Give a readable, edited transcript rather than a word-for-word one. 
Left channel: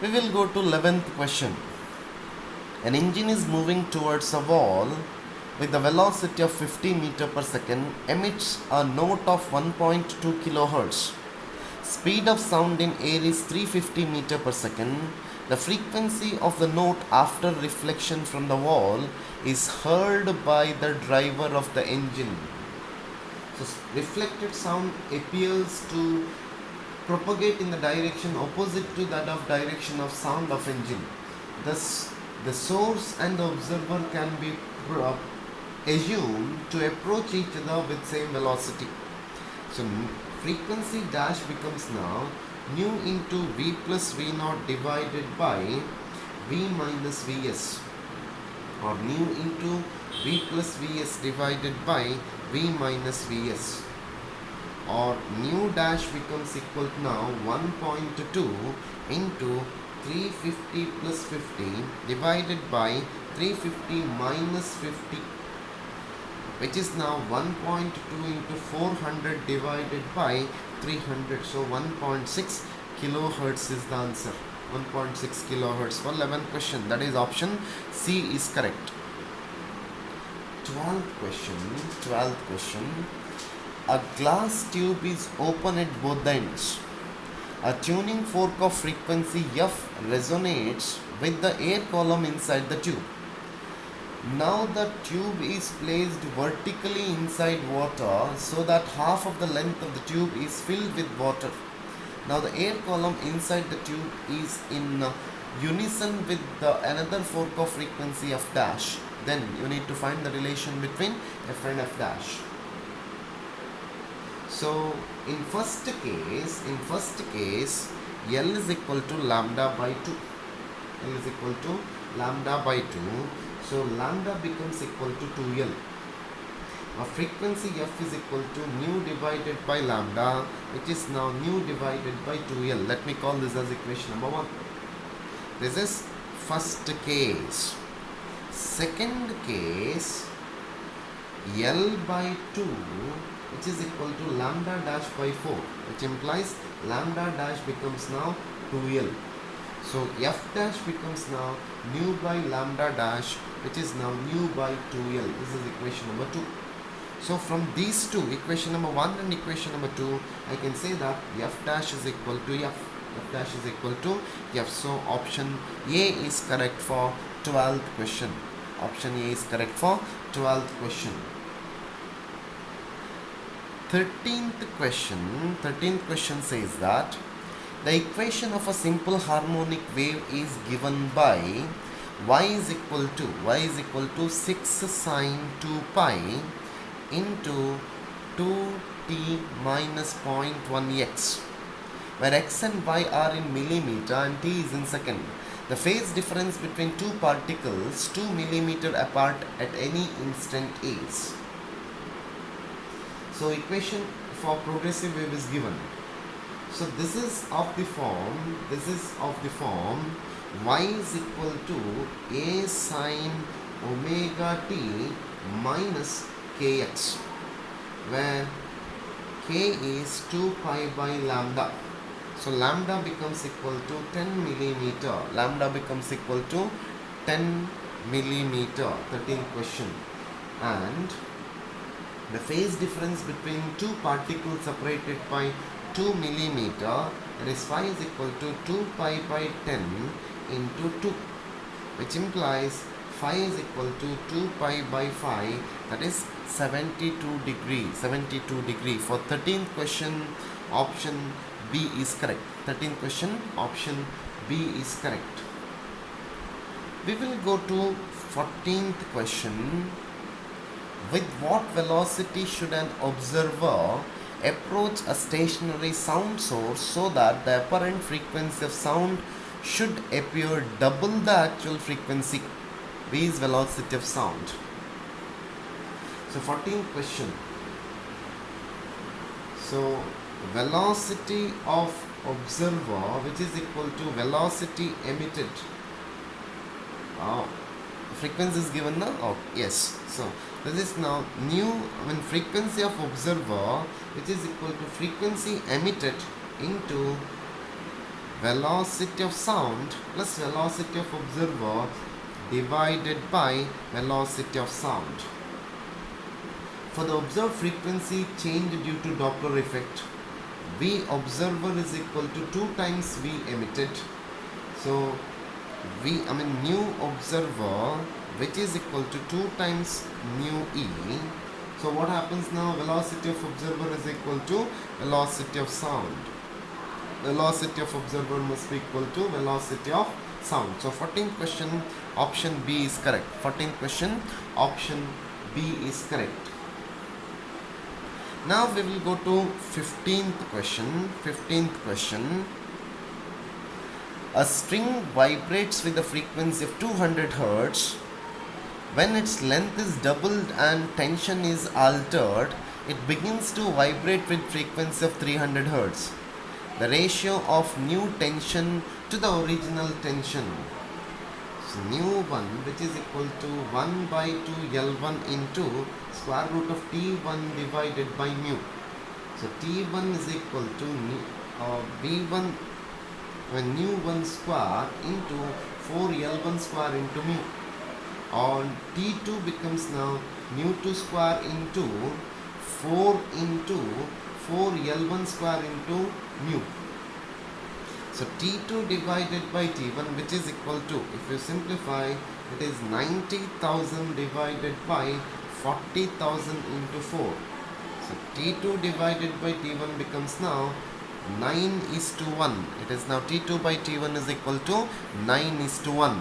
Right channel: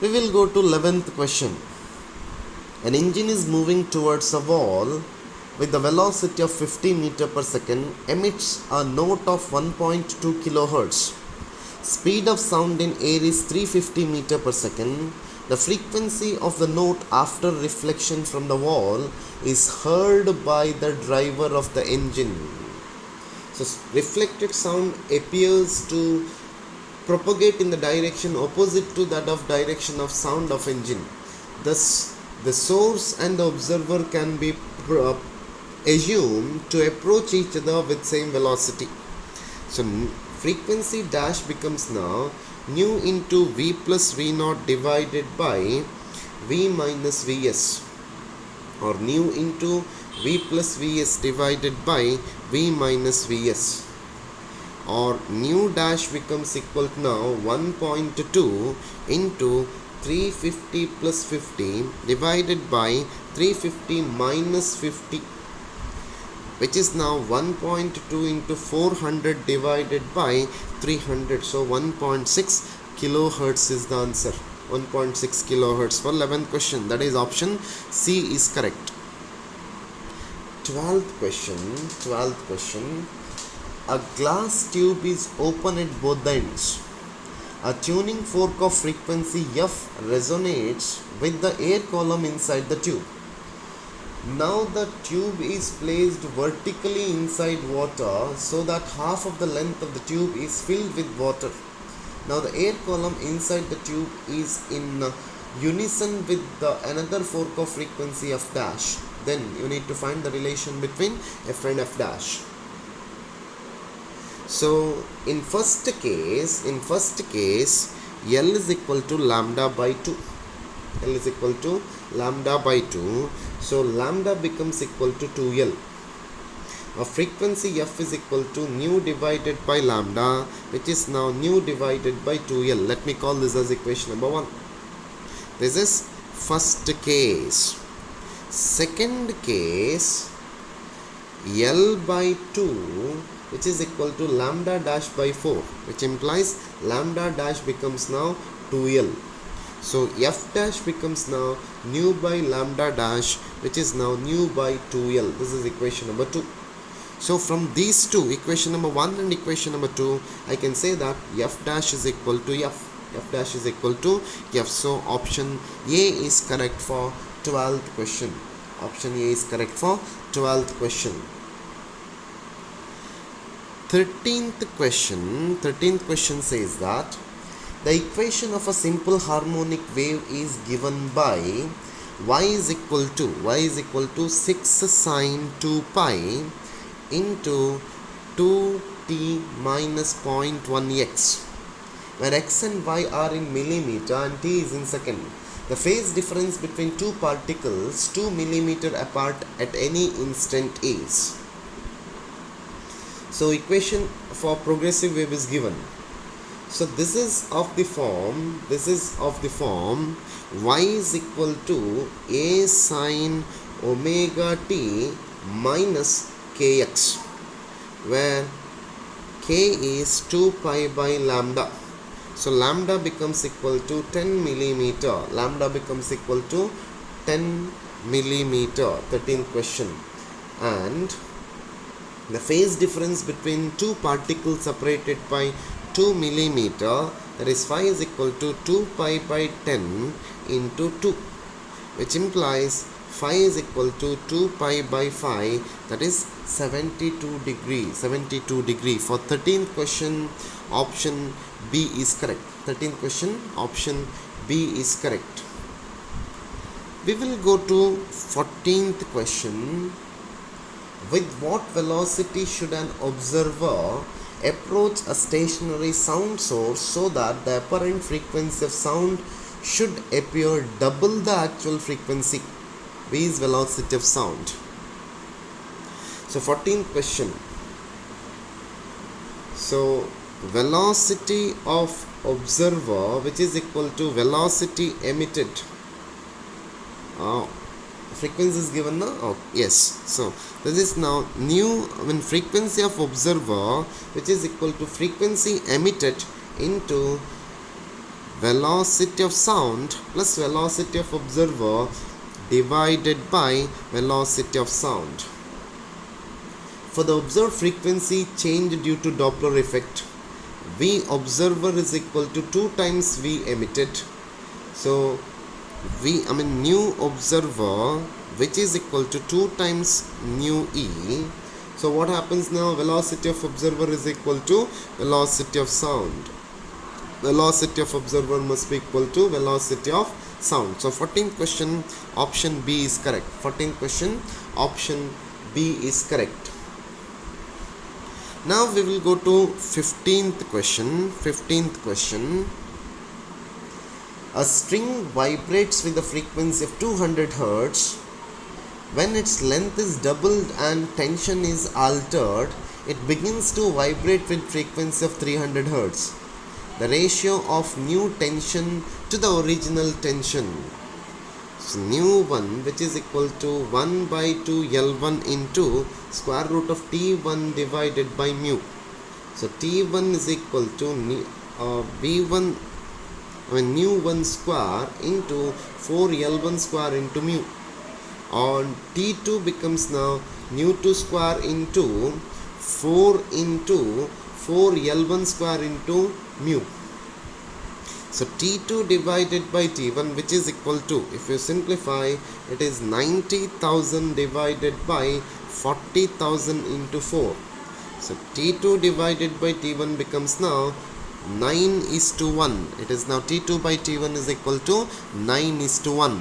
We will go to 11th question. An engine is moving towards a wall with a velocity of 50 meter per second, emits a note of 1.2 kilohertz. Speed of sound in air is 350 meter per second. The frequency of the note after reflection from the wall is heard by the driver of the engine. So reflected sound appears to propagate in the direction opposite to that of direction of sound of engine. Thus, the source and the observer can be assumed to approach each other with same velocity. So frequency dash becomes now nu into v plus v naught divided by v minus vs, or nu into v plus vs divided by v minus vs, or nu dash becomes equal to now 1.2 into 350 plus 50 divided by 350 minus 50, which is now 1.2 into 400 divided by 300. So 1.6 kilohertz is the answer. 1.6 kilohertz for 11th question. That is option C is correct. 12th question. A glass tube is open at both the ends. A tuning fork of frequency F resonates with the air column inside the tube. Now the tube is placed vertically inside water so that half of the length of the tube is filled with water. Now the air column inside the tube is in unison with the another fork of frequency F dash. Then you need to find the relation between F and F dash. So in first case L is equal to lambda by 2. L is equal to lambda by 2. So lambda becomes equal to 2L. Our frequency F is equal to nu divided by lambda, which is now nu divided by 2L. Let me call this as equation number 1. This is first case. Second case, L by 2, which is equal to lambda dash by 4, which implies lambda dash becomes now 2L. So F dash becomes now nu by lambda dash, which is now nu by 2L. This is equation number 2. So from these two, equation number 1 and equation number 2, I can say that F dash is equal to F. F dash is equal to F. So option A is correct for 12th question. Option A is correct for 12th question. 13th question says that the equation of a simple harmonic wave is given by y is equal to 6 sine 2 pi into 2t minus 0.1 x, where x and y are in millimeter and t is in second. The phase difference between two particles 2 millimeter apart at any instant is. So equation for progressive wave is given. So this is of the form y is equal to a sine omega t minus kx, where k is 2 pi by lambda. So lambda becomes equal to 10 millimeter. Lambda becomes equal to 10 millimeter. 13th question. And the phase difference between two particles separated by 2 millimeter, that is phi is equal to 2 pi by 10 into 2, which implies phi is equal to 2 pi by phi, that is 72 degree. For 13th question, option B is correct. 13th question, option B is correct. We will go to 14th question. With what velocity should an observer approach a stationary sound source so that the apparent frequency of sound should appear double the actual frequency? V is velocity of sound. So 14th question. So velocity of observer, which is equal to velocity emitted. Frequency is given now. Oh, yes. So this is now nu when frequency of observer, which is equal to frequency emitted into velocity of sound plus velocity of observer divided by velocity of sound. For the observed frequency change due to Doppler effect, V observer is equal to 2 times V emitted. So new observer, which is equal to 2 times mu E. So what happens now? Velocity of observer is equal to velocity of sound. Velocity of observer must be equal to velocity of sound. So 14th question, option B is correct. 14th question, option B is correct. Now we will go to 15th question. 15th question. A string vibrates with a frequency of 200 Hz. When its length is doubled and tension is altered, it begins to vibrate with frequency of 300 Hz. The ratio of new tension to the original tension. So nu 1, which is equal to 1 by 2 L1 into square root of T1 divided by mu. So T1 is equal to V1 nu 1 square into 4 L1 square into mu. On T2 becomes now nu 2 square into 4 into 4 L1 square into mu. So T2 divided by T1, which is equal to, if you simplify, it is 90,000 divided by 40,000 into 4. So T2 divided by T1 becomes now 9:1. It is now T2 by T1 is equal to 9:1.